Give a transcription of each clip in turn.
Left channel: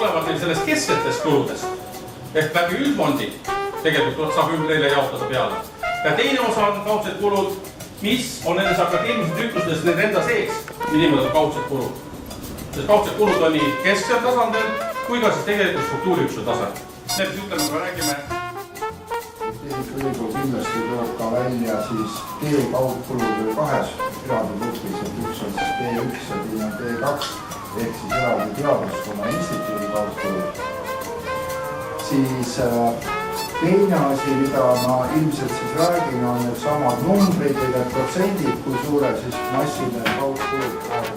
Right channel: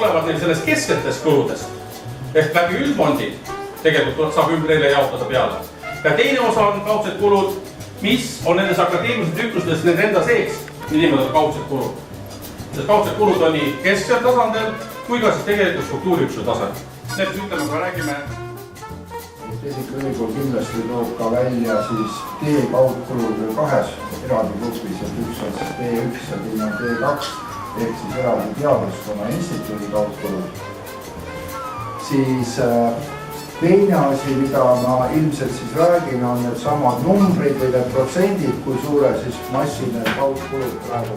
tulevad neil sellest kesksetest kuludest ehk läbi üldfondi tegelikult saab neile jaotada peale. Ja teine osa on kaudsed kulud, mis on nendes akadeemilised üksustes nende enda sees, niimoodi kaudsed kulud. Sest kaudsed kulud on nii kesksel tasandil kui ka siis tegelikult struktuuriüksuse tasandil. Need ütleme, kui räägime. Tehnikaülikool kindlasti toob ka välja siis T-kaudkulud kahes eraldi grupis, et üks on siis T1 ja teine on T2 ehk siis eraldi teaduskonna instituudi kaudkulud. Siis teine asi, mida ma ilmselt siis räägin, on need samad numbrid või need protsendid, kui suure siis massi need kaudkulud praegu.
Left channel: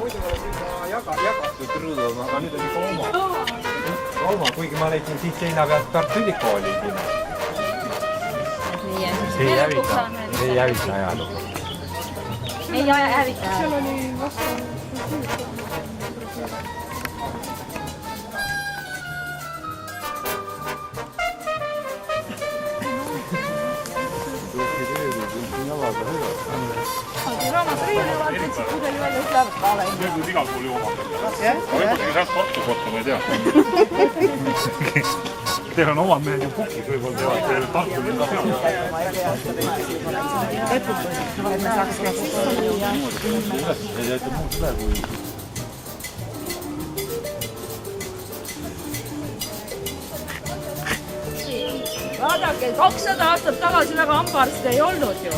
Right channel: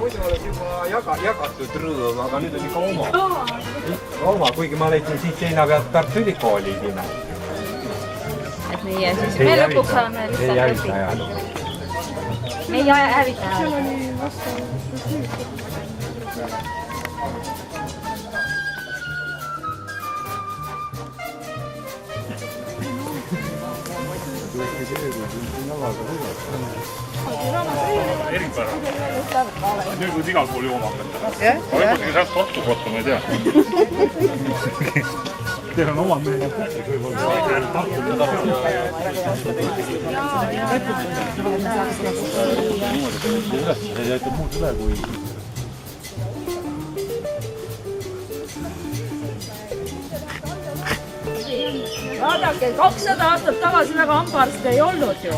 Muidu oleks juba jagatud rõõm, aga nüüd on ikka oma, kuigi ma leidsin siit seina pealt Tartu Ülikooli nime. Et meie siis me lõpuks saame lihtsalt ei hävita ajalugu. Me ei hävita ajalugu. Seal oli vastu. Nüüd võid igal pool jooma hakata. Aga võtagi sealt Tartu kohta, ma ei tea. Teil on omad mehed ja pukid võib-olla Tartu linna peal. Ei jäeta muud üle kui... Vaadake, 200 aastat tagasi väga hambaarste ei olnud ju.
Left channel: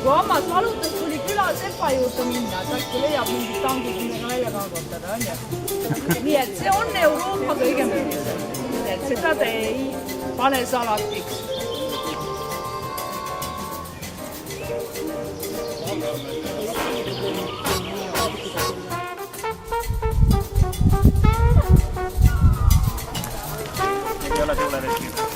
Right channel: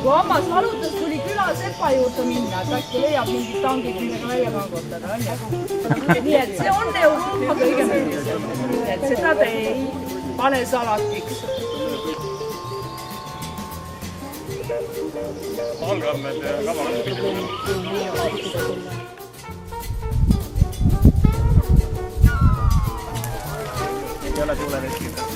Kui hammas valutas, tuli küla sepa juurde minna, et äkki leiab mingid tangid, millega välja kangutada, on ju. Nii et see on Euroopa kõige mõnisem. Et seda te ei pane salatiks. Valgammed ja kavalad. Ei ole tuule veskida.